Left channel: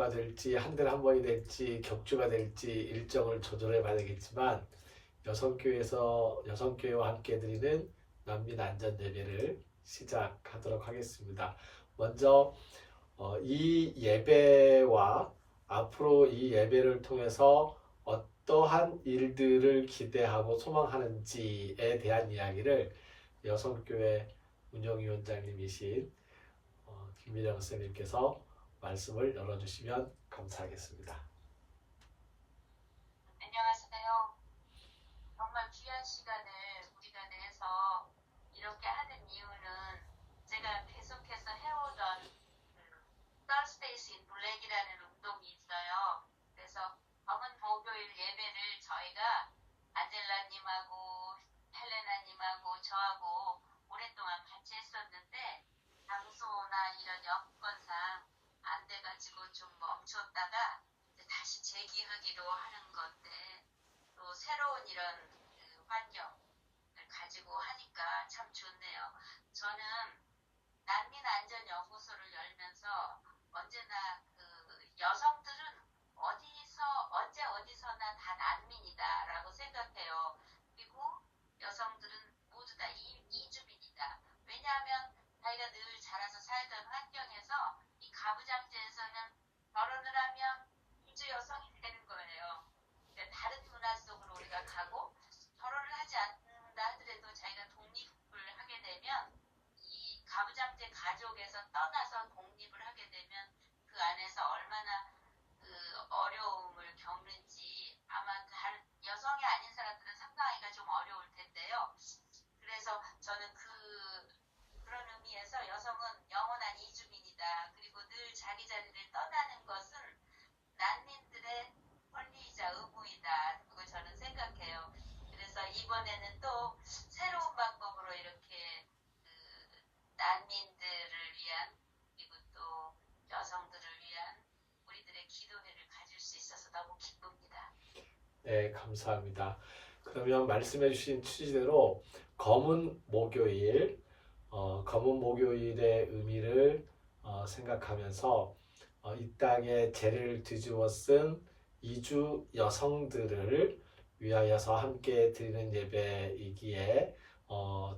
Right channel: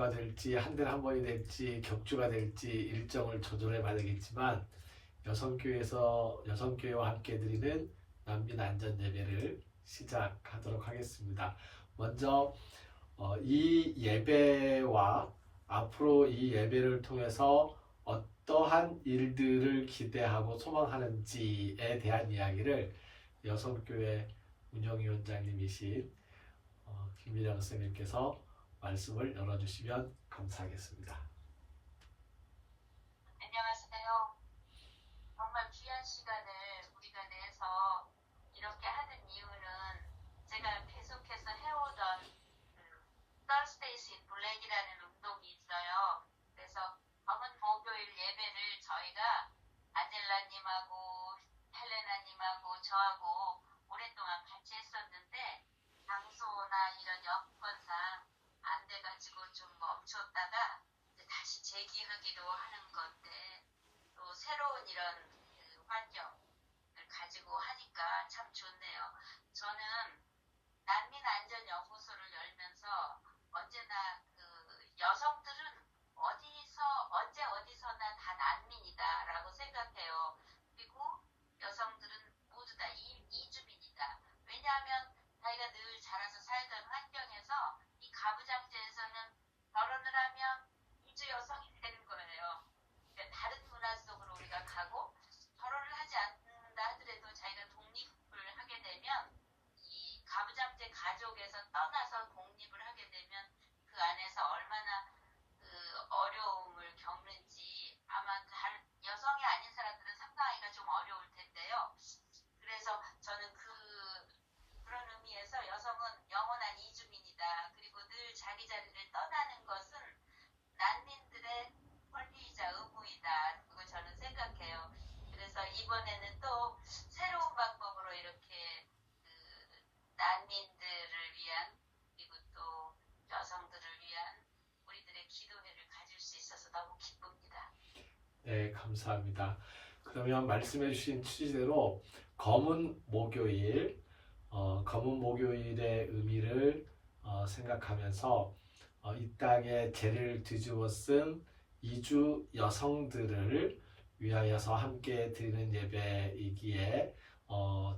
주가 될지 한 달에 한 번이 될지 격주가 될지 일정을 조절해 봐야 되겠지만 여성교회와 함께 드리는 난민 안전 예배를 시작하도록 하겠습니다. 먼저 이 예배와 앞으로 이 예배를 통해서 어떠한 일들을 기대하고 소망하는지에 대한 이야기를 여성교회 운영위원장님이신 김미령 선생님께서 말씀을 열어주시면 감사하겠습니다. 안녕하세요. 정말 귀한 시간을 우리가 내서 이렇게 하는 이유는 제가 계속해서 해오던 Thursdays in Black이라는 운동이 있어요. 그래서 검은 목요일 예배를 저희가 안젤라님하고 헬레나님하고 저하고 오랫동안 같이 했었는데 장소나 이런 여건상 안 돼가지고 좀 멈췄다가 이제 다시 재기하기로 하는 건데 또 새로운 이런 환경을 가지고 하니까 참 좋네요. 저는 난민안전연구소를 열면서 언제나 여성들은 어디서나 다 난민이다라고 생각해요. 그리고 여성들은 모두 다 이주민이다. 왜냐하면 자기가 늘 자라서 살던 환경에서 이 가부장제에서는 결혼을 하면 이주 여성이 되는 거예요. 그러니까 다른 문화 속으로 우리가 가고 결혼을 하지 않는다 하더라도 자기가 독립을 하게 되면 이 가부장제 가족에서 떠나서 독립을 하게 되면 그 안에서 얼마나 어려움을 겪는지 아마 여성이 아닌 사람들은 상상하기가 좀 어려울 텐데요. 그래서 저는 그런 의미에서 여성은 영원한 이주민이다. 그리고 늘 자기 자리를 떠나는 것은 난민들의 권리이자 의무이다. 그걸 저는 생각해요. 그래서 이번에는 또 새로운 방법으로 이렇게 난민들을 위한 그리고 또 여성들을 위한 우리들의 기도회를 가질 수 있어서 너무 기쁩니다. 네, 감사합니다. 그러면 말씀해 주신 취지대로 검은 목요일의 의미를 생각하면서 이 땅에 죄를 뒤집어 쓴 이주 여성들을 위하여서 함께 드리는 예배이기에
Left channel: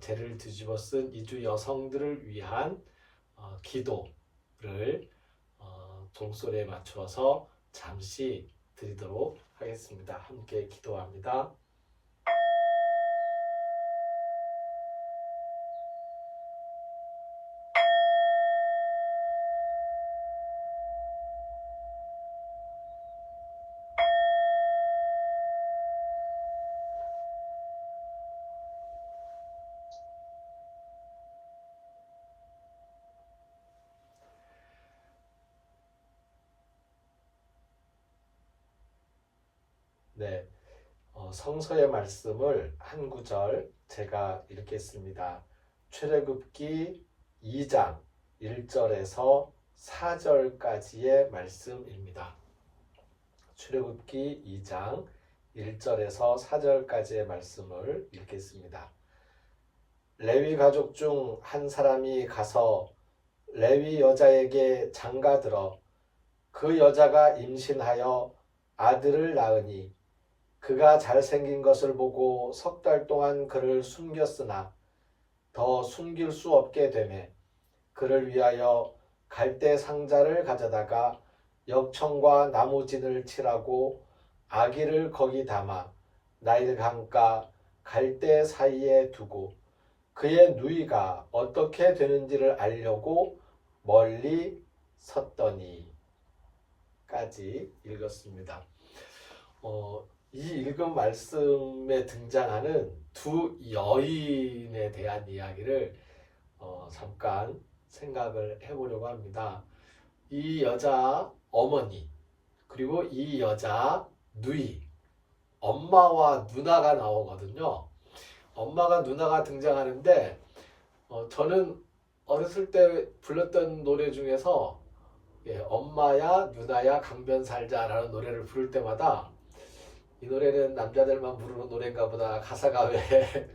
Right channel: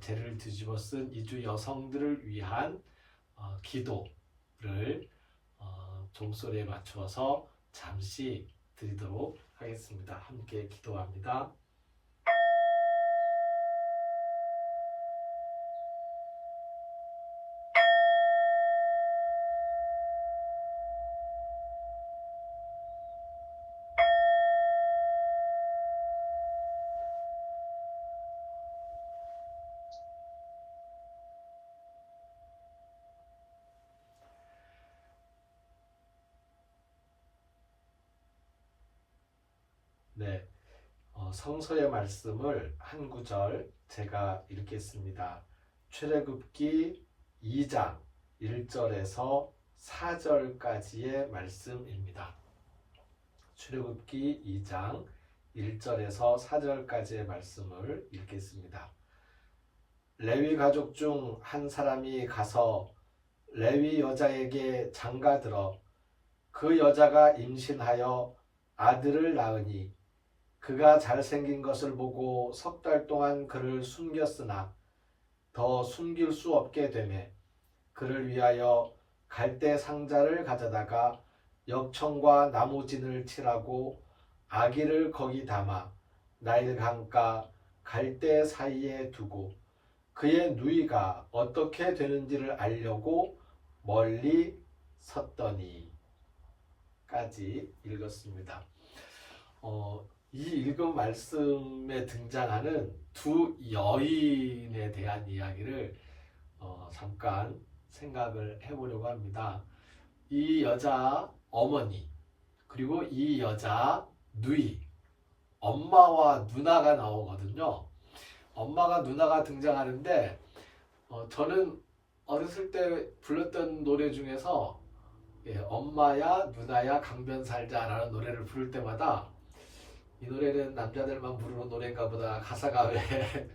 죄를 뒤집어 쓴 이주 여성들을 위한 기도를 종소리에 맞추어서 잠시 드리도록 하겠습니다. 함께 기도합니다. 네, 성서의 말씀을 한 구절 제가 읽겠습니다. 출애굽기 2장 1절에서 4절까지의 말씀입니다. 출애굽기 2장 1절에서 4절까지의 말씀을 읽겠습니다. 레위 가족 중 한 사람이 가서 레위 여자에게 장가들어 그 여자가 임신하여 아들을 낳으니 그가 잘생긴 것을 보고 석 달 동안 그를 숨겼으나 더 숨길 수 없게 되매 그를 위하여 갈대 상자를 가져다가 역청과 나무진을 칠하고 아기를 거기 담아 나일 강가 갈대 사이에 두고 그의 누이가 어떻게 되는지를 알려고 멀리 섰더니 까지 읽었습니다. 이 읽은 말씀에 등장하는 두 여인에 대한 이야기를 잠깐 생각을 해보려고 합니다. 이 여자 어머니 그리고 이 여자 누이 엄마와 누나가 나오거든요. 엄마가 누나가 등장하는데 저는 어렸을 때 불렀던 노래 중에서 엄마야 누나야 강변 살자라는 노래를 부를 때마다 이 노래는 남자들만 부르는 노래인가 보다 가사가 왜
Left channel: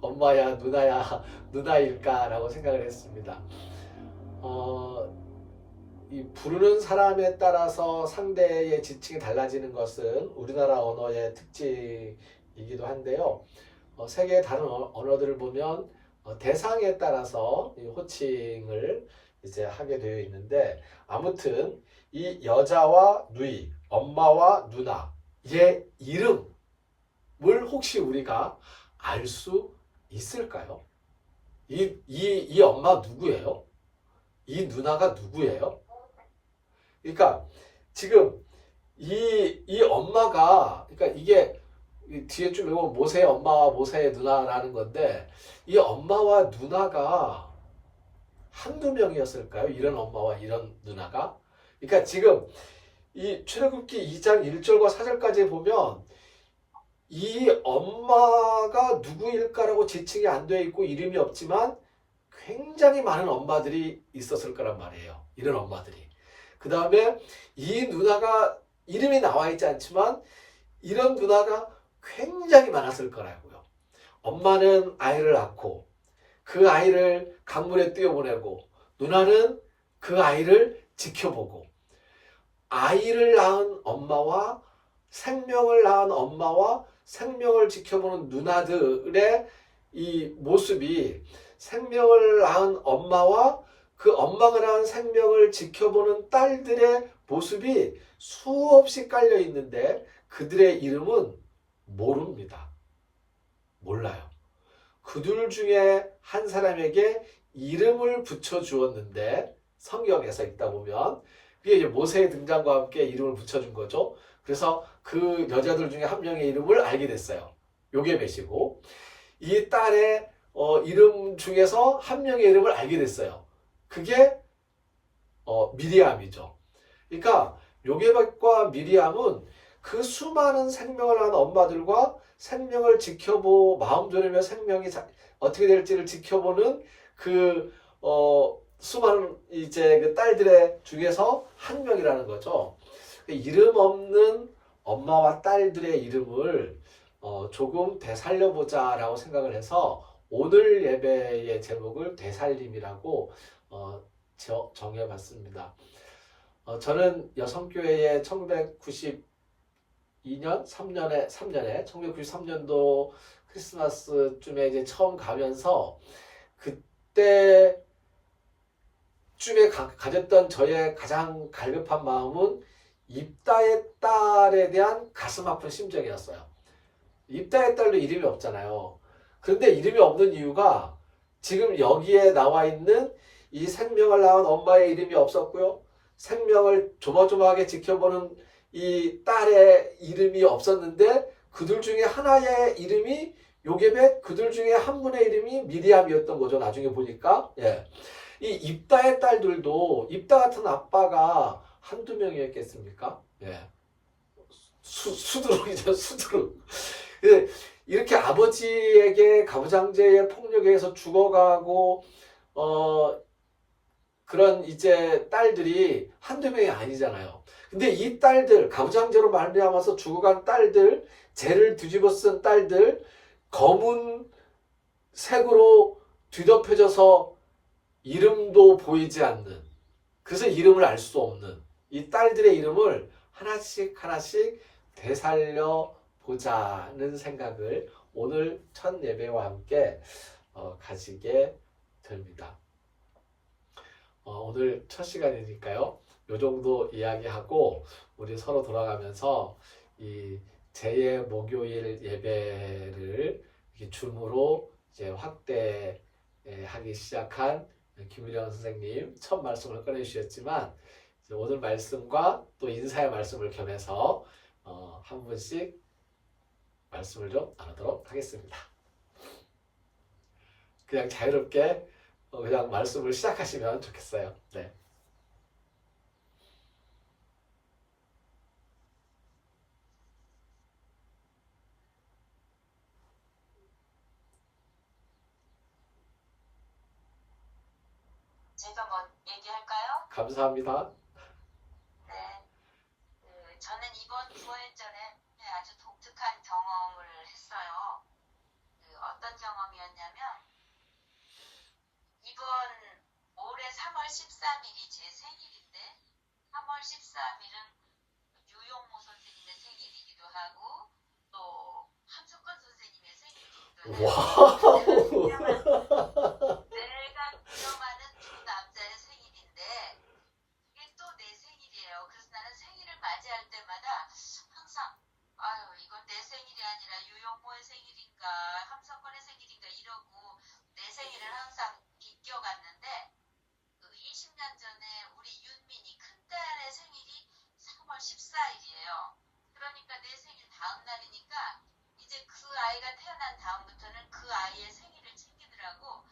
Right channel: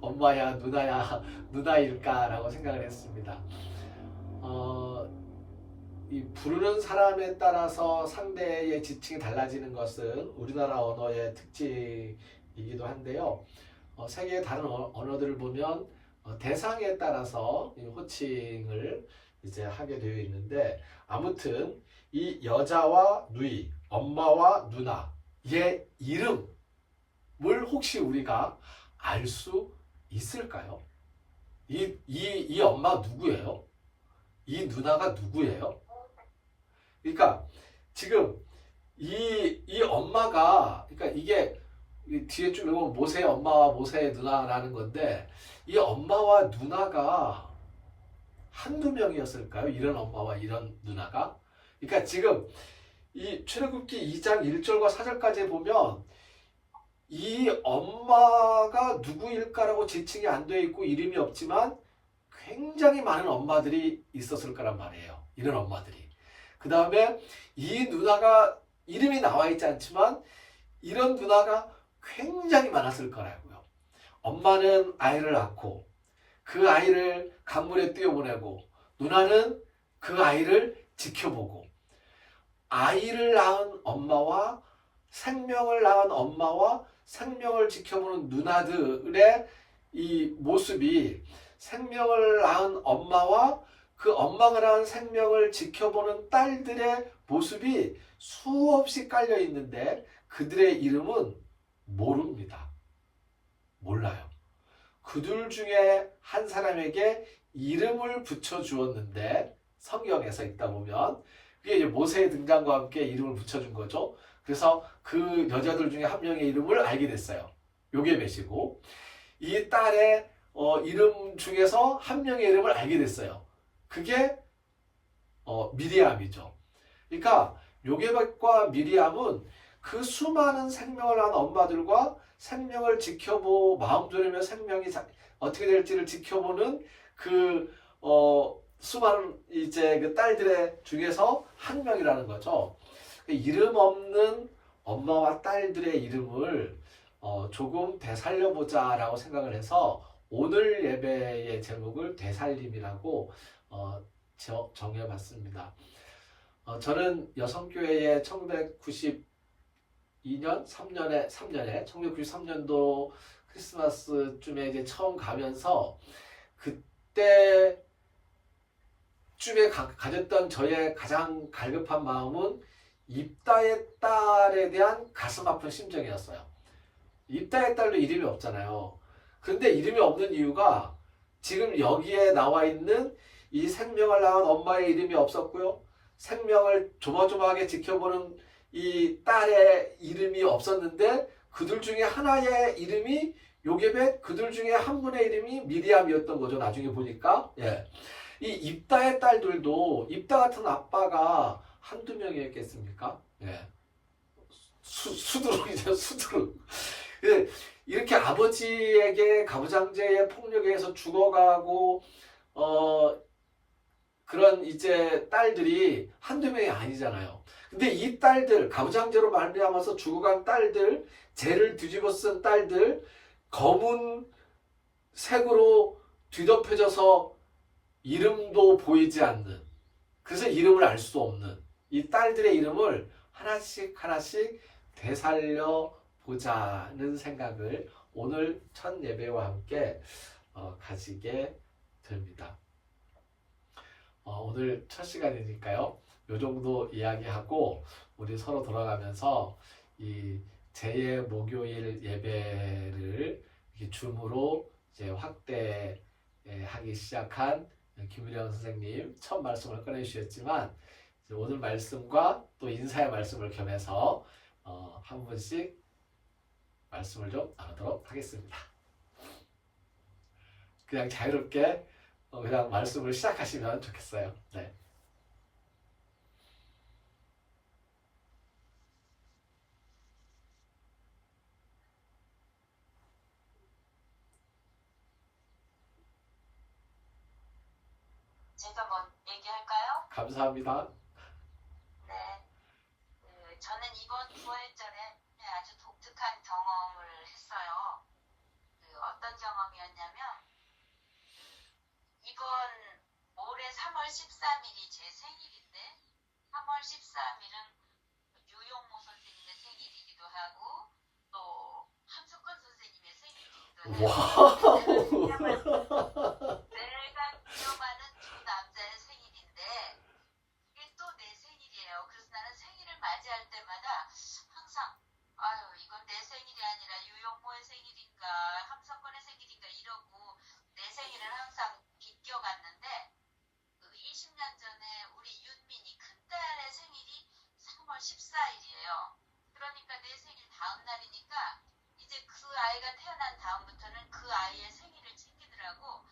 엄마야 누나야 누나일까 라고 생각을 했습니다. 이 부르는 사람에 따라서 상대의 지칭이 달라지는 것은 우리나라 언어의 특징이기도 한데요. 세계의 다른 언어들을 보면 대상에 따라서 이 호칭을 이제 하게 되어 있는데, 아무튼 이 여자와 누이, 엄마와 누나의 이름을 혹시 우리가 알 수 있을까요? 이 엄마 누구예요? 이 누나가 누구예요? 그러니까 지금 이 엄마가, 그러니까 이게 뒤에 쭉 보면 모세의 엄마와 모세의 누나라는 건데, 이 엄마와 누나가 한두 명이었을까요? 이런 엄마와 이런 누나가? 그러니까 지금 이 출애굽기 2장 1절과 4절까지 보면 이 엄마가 누구일까라고 지칭이 안 되어 있고 이름이 없지만 굉장히 많은 엄마들이 있었을 거란 말이에요. 이런 엄마들이. 그 다음에 이 누나가 이름이 나와 있지 않지만 이런 누나가 굉장히 많았을 거라고요. 엄마는 아이를 낳고 그 아이를 강물에 뛰어보내고, 누나는 그 아이를 지켜보고, 아이를 낳은 엄마와 생명을 낳은 엄마와 생명을 지켜보는 누나들의 이 모습이, 생명을 낳은 엄마와 그 엄마가 낳은 생명을 지켜보는 딸들의 모습이 수없이 깔려 있는데 그들의 이름은 모릅니다. 몰라요. 그들 중에 한 사람에게 이름을 붙여 주었는데, 성경에서 읽다 보면 그게 이제 모세의 등장과 함께 이름을 붙여준 거죠. 그래서 그 여자들 중에 한 명의 이름을 알게 됐어요. 요게벳이고, 이 딸의 이름 중에서 한 명의 이름을 알게 됐어요. 그게 미리암이죠. 그러니까 요게벳과 미리암은 그 수많은 생명을 낳은 엄마들과 생명을 지켜보, 마음 졸이며 생명이 어떻게 될지를 지켜보는 그 수많은 이제 그 딸들의 중에서 한 명이라는 거죠. 이름 없는 엄마와 딸들의 이름을 조금 되살려보자라고 생각을 해서 오늘 예배의 제목을 되살림이라고 정해봤습니다. 저는 여성교회에 1993년도 크리스마스쯤에 이제 처음 가면서 그때쯤에 가졌던 저의 가장 갈급한 마음은 입다의 딸에 대한 가슴 아픈 심정이었어요. 입다의 딸도 이름이 없잖아요. 그런데 이름이 없는 이유가 지금 여기에 나와 있는 이 생명을 낳은 엄마의 이름이 없었고요. 생명을 조마조마하게 지켜보는 이 딸의 이름이 없었는데 그들 중에 하나의 이름이 요게벳, 그들 중에 한 분의 이름이 미리암이었던 거죠. 나중에 보니까. 예. 이 입다의 딸들도 입다 같은 아빠가 한두 명이었겠습니까? 예. 수두룩이죠, 수두룩. 이렇게 아버지에게 가부장제의 폭력에 의해서 죽어가고, 그런 이제 딸들이 한두 명이 아니잖아요. 근데 이 딸들, 가부장제로 말미암아서 죽어간 딸들, 죄를 뒤집어 쓴 딸들, 검은 색으로 뒤덮여져서 이름도 보이지 않는, 그래서 이름을 알 수 없는 이 딸들의 이름을 하나씩 하나씩 되살려 보자는 생각을 오늘 첫 예배와 함께 가지게 됩니다. 오늘 첫 시간이니까요. 요 정도 이야기하고 우리 서로 돌아가면서 이 제2 목요일 예배를 이렇게 줌으로 이제 확대하기 시작한 김일영 선생님 첫 말씀을 꺼내주셨지만, 오늘 말씀과 또 인사의 말씀을 겸해서 한 분씩 말씀을 좀 나누도록 하겠습니다. 그냥 자유롭게 그냥 말씀을 시작하시면 좋겠어요. 네. 제가 뭐 얘기할까요? 감사합니다. 네. 저는 이번 부활절에 아주 독특한 경험을 했어요. 어떤 경험이었냐면, 이번 올해 3월 13일이 제 생일인데 와우. 내가 기억하는 두 남자의 생일인데 이게 또 내 생일이에요. 그래서 나는 생일을 맞이할 때마다 항상 아유 이건 내 생일이 아니라 유영모의 생일인가 함석권의 생일인가 이러고 내 생일을 항상 비껴갔는데 그 20년 전에 우리 윤민이 큰딸의 생일이 3월 14일이에요. 그러니까 내 생일 다음 날이니까 이제 그 아이가 태어난 다음부터는 그 아이의 생일을 챙기느라고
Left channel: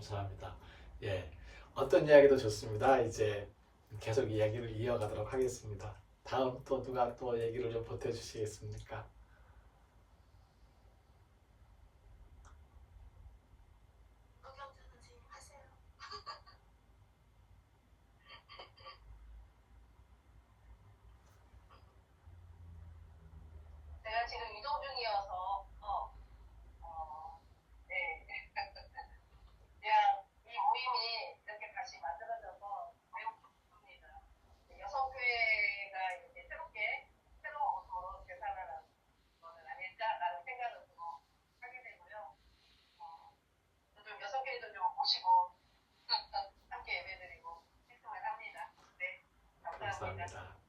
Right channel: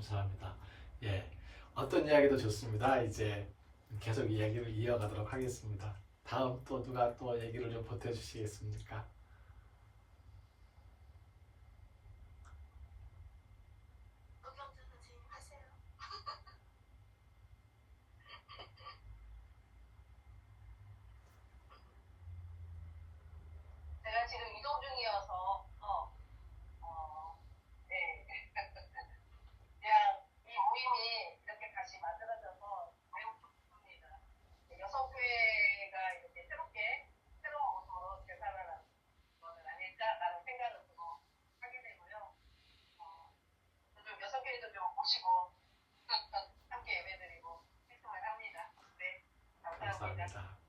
감사합니다. 예, 어떤 이야기도 좋습니다. 이제 계속 이야기를 이어가도록 하겠습니다. 다음 또 누가 또 얘기를 좀 보태주시겠습니까? 허경준 선생님 하세요. 제가 지금 이동 중이어서 네. 그냥 이 모임이 이렇게 다시 만들어져서 매우 기쁩니다. 여성회가 이제 새롭게 새로운 모습으로 재산을 것은 아닐까라는 생각을 좀 하게 되고요. 좀 여성회도 좀 모시고 함께 예배드리고 싶음을 합니다. 네, 감사합니다. 감사합니다.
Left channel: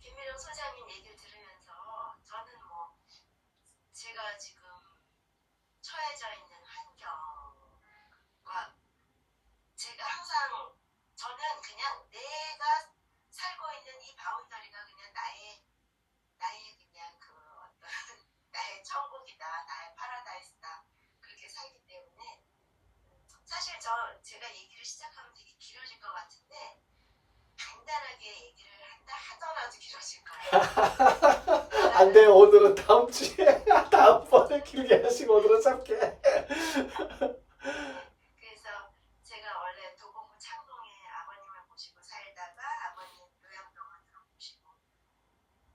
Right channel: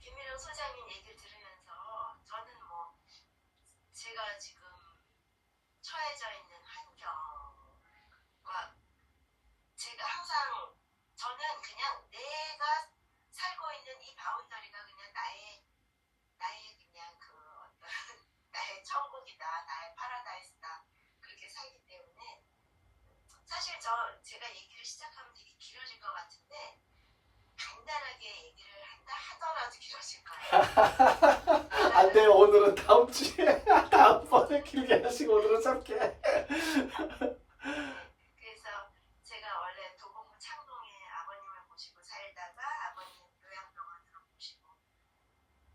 김민영 소장님 얘기를 들으면서 저는 뭐 제가 지금 처해져 있는 환경과 제가 항상 저는 그냥 내가 살고 있는 이 바운더리가 그냥 나의 그냥 그 어떤 나의 천국이다, 나의 파라다이스다 그렇게 살기 때문에 사실 제가 얘기를 시작하면 되게 길어질 것 같은데 간단하게 얘기를 한다 하더라도 길어질 거예요. 안 돼요. 오늘은 다음 주에 다음번에 길게 하시고 오늘은 짧게. 그래서 제가 원래 도봉구 창동에 아버님을 모시고 살다가 아버님 요양병원으로 모시고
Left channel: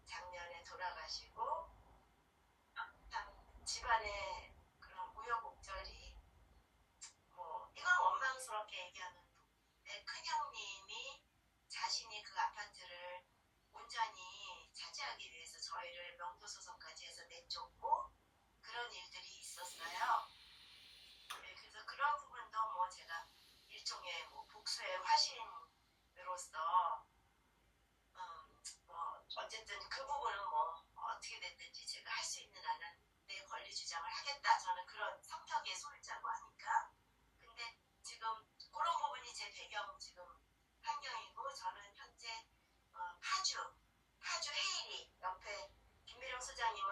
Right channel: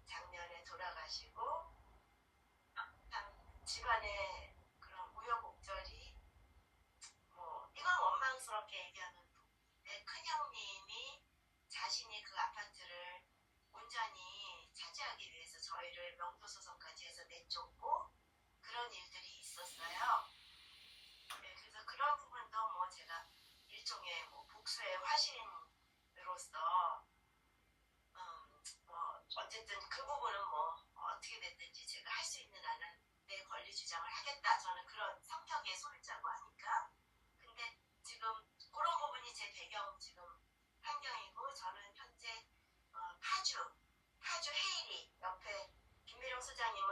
작년에 돌아가시고 집안에 그런 우여곡절이 뭐 이건 원망스럽게 얘기하는 내 큰형님이 자신이 그 아파트를 온전히 차지하기 위해서 저희를 명도소송까지 해서 내쫓고 그런 일들이 있었어요. 네, 그래서 그런 부분도 뭐 제가 일종의 뭐 복수의 화신으로서 뭐 어쨌든 그 부분은 뭐 어떻게 됐든지 제가 할 수 있는 한은 내 권리 주장을 하겠다. 저는 그런 성격의 소유자고 하니까. 근데 지금 그런 부분이 제 배경 지금 환경이고 저는 현재 파주 헤이리 옆에 김미령 소장님은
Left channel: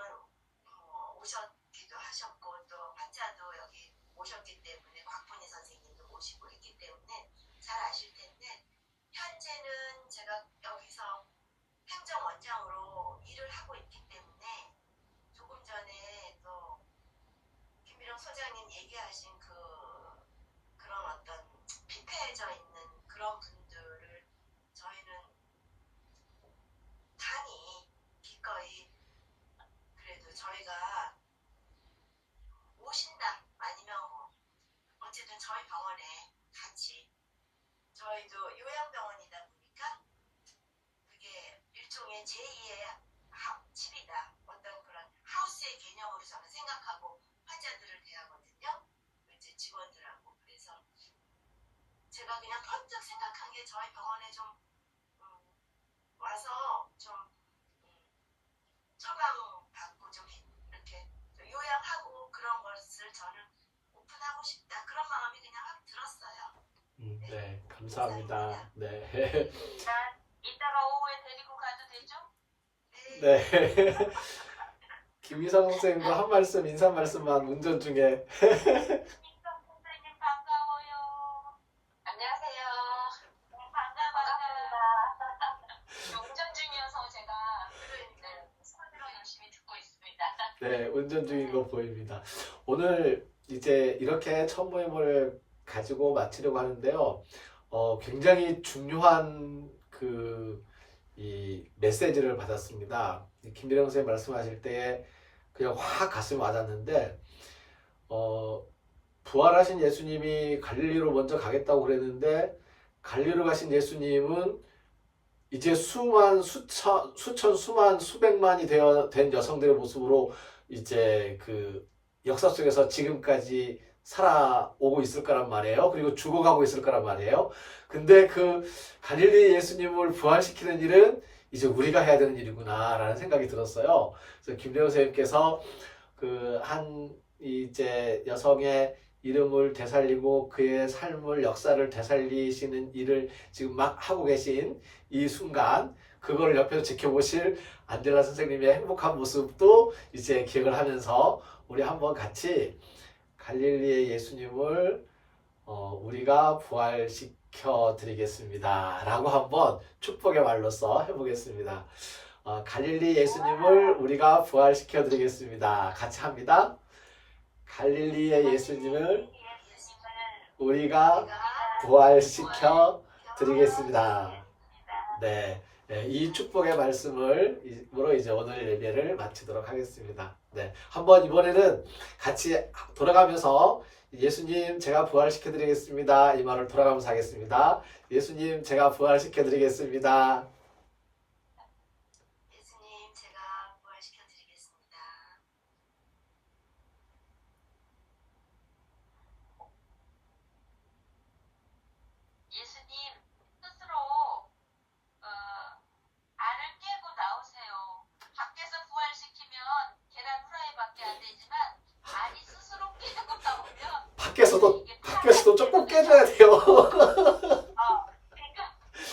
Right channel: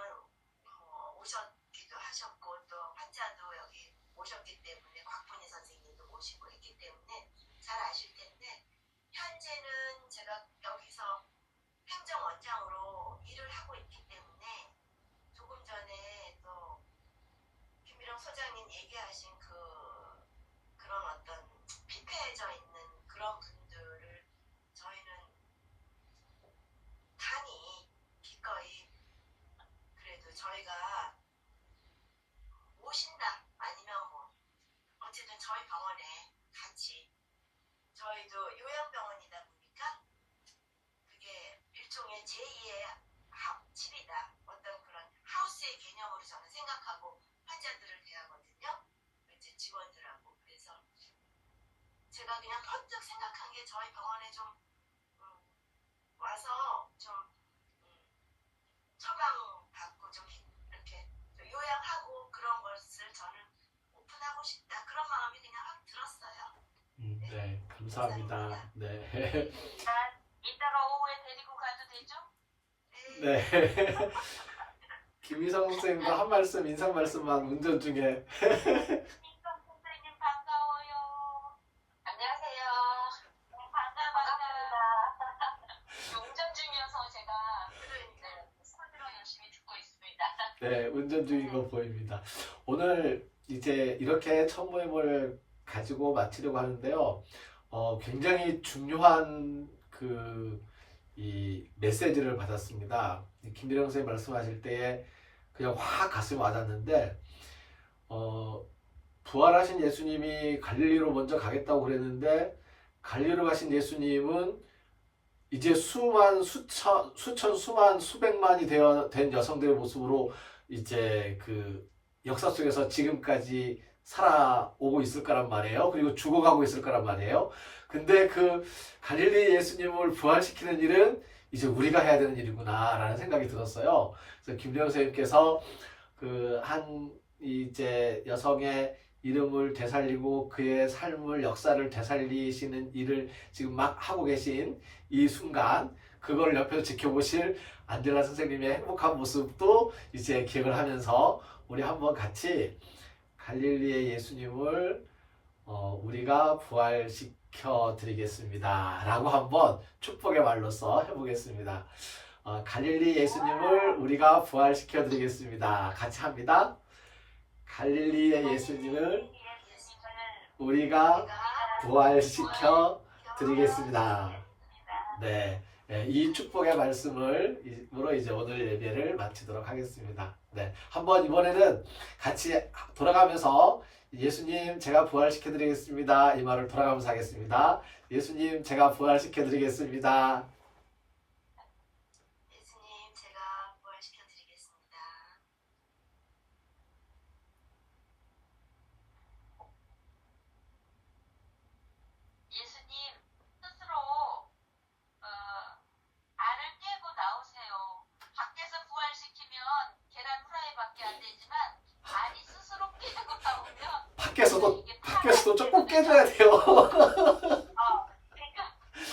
오셨기도 하셨고 또 환자도 여기 오셨기 때문에 곽분희 선생님도 모시고 있기 때문에 잘 아실 텐데 현재는 제가 여기서 행정원장으로 일을 하고 있기 때문에 조금 전에 또 김미령 소장님 얘기하신 그런 어떤 피폐해져 있는 그런 분들을 저희는 단이 기꺼이 그래도 저희가 오신다 아니면 뭐 어쨌든 저희 병원에 같이 저희도 요양병원이다 보니까 그게 일종의 제2의 집이다 어떤 그런 하우스의 개념으로 저는 생각하고 환자들을 대하거든요. 제 직원들하고 그래서 제가 그냥 번뜩 생각한 게 저희 병원에 좀 와서 좀 처방받고 좀 이렇게 요양하고 그런 것을 저는 오픈하고 싶다 그런 마음이 그냥 확 들었어요. 네, 감사합니다. 네. 이따가 오후에 데리고 가도 되죠? 네. 김희성 선생님도 한 말씀, 인사 말씀만 운전 중에. 김희성 선생님 반가워요. 안녕하세요. 반갑습니다. 운전 중이어서 제가 손으로 열심히 듣고 있습니다. 네, 운전 중인 거 보입니다. 오늘 이제 이렇게 첫 모임을 가지고 마치려고 하는데요. 굉장히 중요한 이 메시지를 받았습니다. 김미령 선생님 말씀하실 때에 그냥 확 가슴이 와닿는데, 부활하신 예수님이 갈릴리로 먼저 가겠다고 그랬는데, 갈릴리로 가신 예수님은 이제 수만, 수백만이 된 여성들의 모습으로 이제 그 역사 속에서 지금까지 살아오고 있을 거란 말이에요. 그리고 죽어가고 있을 거란 말이에요. 근데 그 갈릴리 예수님을 부활시키는 일은 이제 우리가 해야 되는 일이구나 라는 생각이 들었어요. 그래서 김대영 선생님께서 이제 여성의 이름을 되살리고 그의 삶을 역사를 되살리시는 일을 지금 막 하고 계신 이 순간 그걸 옆에서 지켜보실 안젤라 선생님의 행복한 모습도 이제 기억을 하면서 우리 한번 같이 갈릴리의 예수님을 우리가 부활시켜 드리겠습니다. 라고 한번 축복의 말로써 해보겠습니다. 갈릴리 예수님을 우리가 부활시켜 드리겠습니다. 같이 합니다. 갈릴리의 예수님을 우리가 부활시켜 드리겠습니다. 네. 네, 이 축복의 말씀으로 이제 오늘 예배를 마치도록 하겠습니다. 네. 한번 이번에는 같이 돌아가면서 예수님 제가 부활시켜 드리겠습니다. 이 말을 돌아가면서 하겠습니다. 예수님 제가 부활시켜 드리겠습니다. 예수님, 제가 부활시켜 드리겠습니다. 예수님, 스스로 알을 깨고 나오세요. 밖에서 부활시키면 계란 후라이밖에 안 되지만 알이 스스로 깨고 나오면 밖에서도 조금 깨줘야 돼요. 그러니까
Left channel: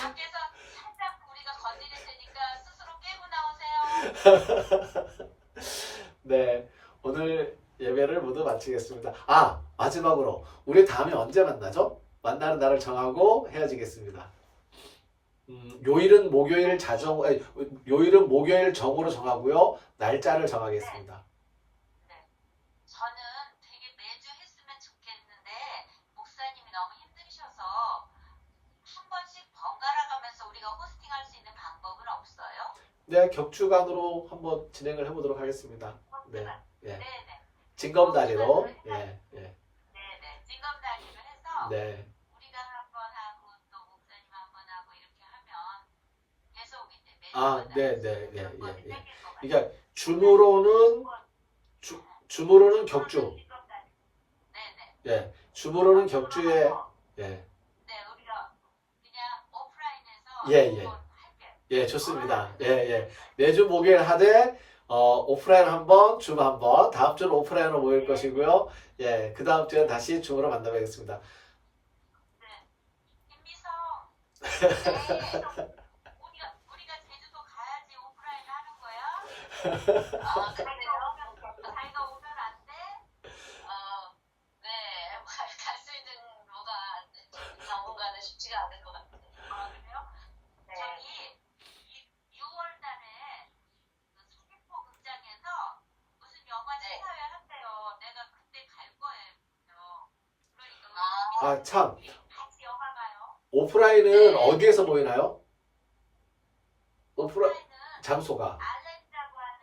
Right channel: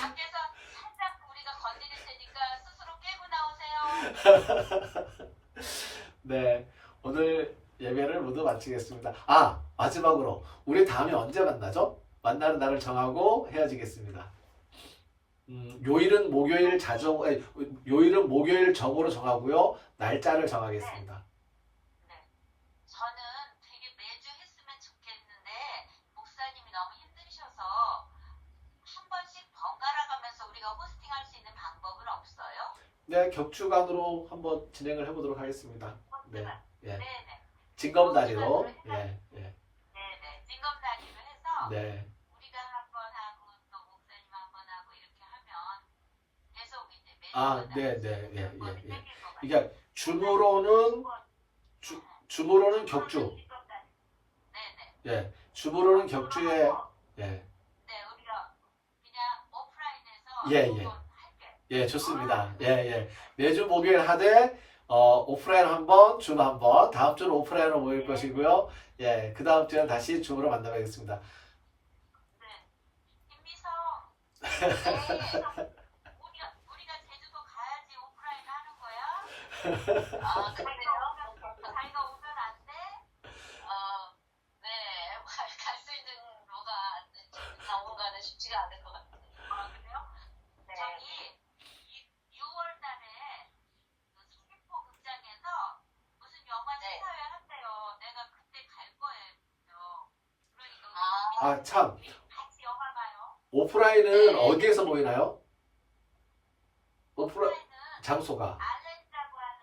밖에서 살짝 우리가 건드릴 테니까 스스로 깨고 나오세요. 네, 오늘 예배를 모두 마치겠습니다. 마지막으로 우리 다음에 언제 만나죠? 만나는 날을 정하고 헤어지겠습니다. 요일은 목요일 정오로 정하고요. 날짜를 정하겠습니다. 저는 되게 매주 했으면 좋겠는데 목사님이 너무 힘드셔서 한 번씩 번갈아 가면서 우리가 호스팅할 수 있는 방법은 없어요? 네, 격주간으로 한번 진행을 해보도록 하겠습니다. 네, 예. 네네. 징검다리로, 예, 예, 네네. 징검다리를 해서 네. 우리가 한 번 하고 또 목사님 한 번 하고 이렇게 하면 계속 이제 매주 네, 네, 예, 몇 번이 예, 예. 생길 것 같아요. 그러니까 줌으로는 격주, 네네. 예, 줌으로는 격주에, 예, 네, 우리가 그냥 오프라인에서 예, 예. 한번 할게요. 예, 좋습니다. 예, 예. 매주 목요일 하되, 오프라인 한 번, 줌 한 번, 다음 주는 오프라인으로 모일 것이고요. 예, 그 다음 주엔 다시 줌으로 만나뵙겠습니다. 김미성, 우리가 제주도 가야지 오프라인 하는 거야? 자기가 오면 안 돼? 네, 갈 수 있는 뭐가 당분간은 쉽지가 않을 것 같아요. 그래요? 저기 6월 달에 그 서귀포 극장에서 무슨 영화 시사회 한대요. 내가 그때 갈 거예요. 그러니까 참, 우리 같이 영화 봐요. 오프라인은 어디에서 모이나요? 오프라인은 장소가. 알렌이라고 하는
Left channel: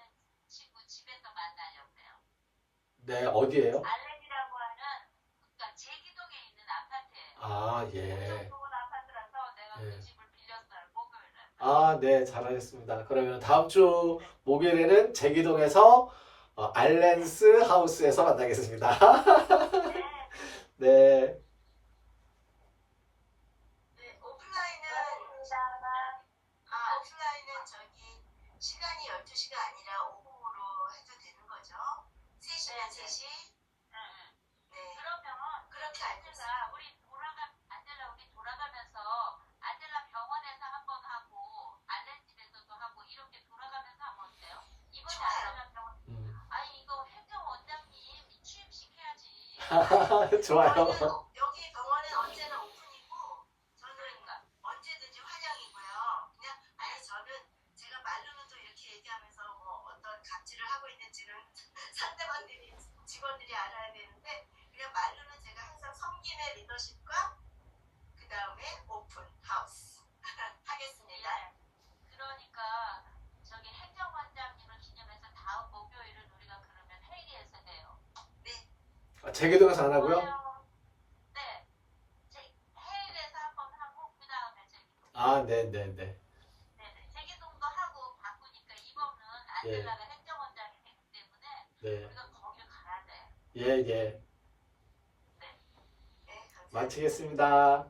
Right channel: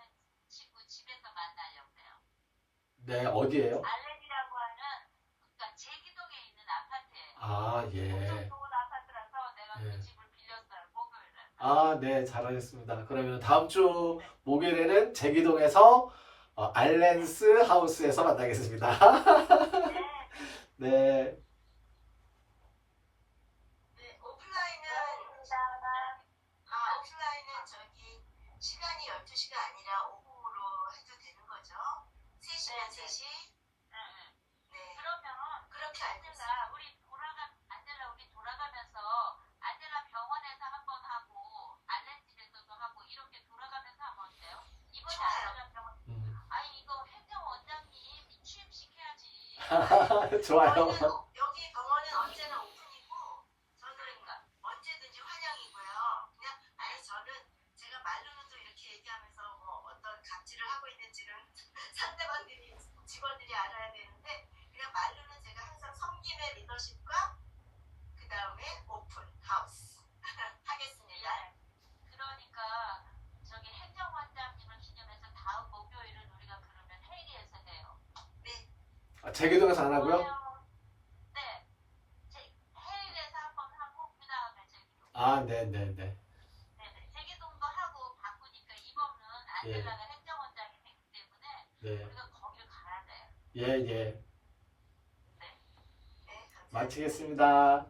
친구 집에서 만나려고요. 네, 어디예요? 알렌이라고 하는 그러니까 제기동에 있는 아파트예요. 예. 좋은 아파트라서 내가 예. 그 집을 빌렸어요. 목요일에. 네, 잘하셨습니다. 그러면 다음 주 목요일에는 제기동에서 알렌스 하우스에서 만나겠습니다. 네. 네. 오프라인은 저기 시간이 12시가 아니라 오후로 해도 되는 거죠? 3시면 3시? 네. 그러면 그렇게 안젤라 우리 돌아가면서 안젤라 병원에서 한번 하고 알렌 집에서도 하고 이렇게 돌아가면서 하면 어때요? 이번에 안젤라 병원 아니 이거 행정 원장님 취임시켜야지. 좋아요. 여기 병원은 언제나 오픈이고 저는 언제든지 환영이고요. 그냥 저는 제가 말로는 또 이렇게 얘기하면서 뭐 어떤 갑질을 하고 있는지는 상대방들이 직원들이 알아야 되는데 그냥 말로는 제가 항상 섬김의 리더십과 그 다음에 오픈 하우스 하겠습니다. 그러니까 저기 행정원장님을 기념해서 다음 목요일은 우리가 그러면 회의에서 해요. 네. 제기동에서 안 하고요? 네. 해외에서 한번 하고 그 다음에 제기동. 네네네. 네네. 제기동도 하고 바꾸니까 이번은 예. 안젤라가 행정원장이 되기 때문에 네. 우리가 거길 가야 돼. 예, 예. 네. 마치겠습니다.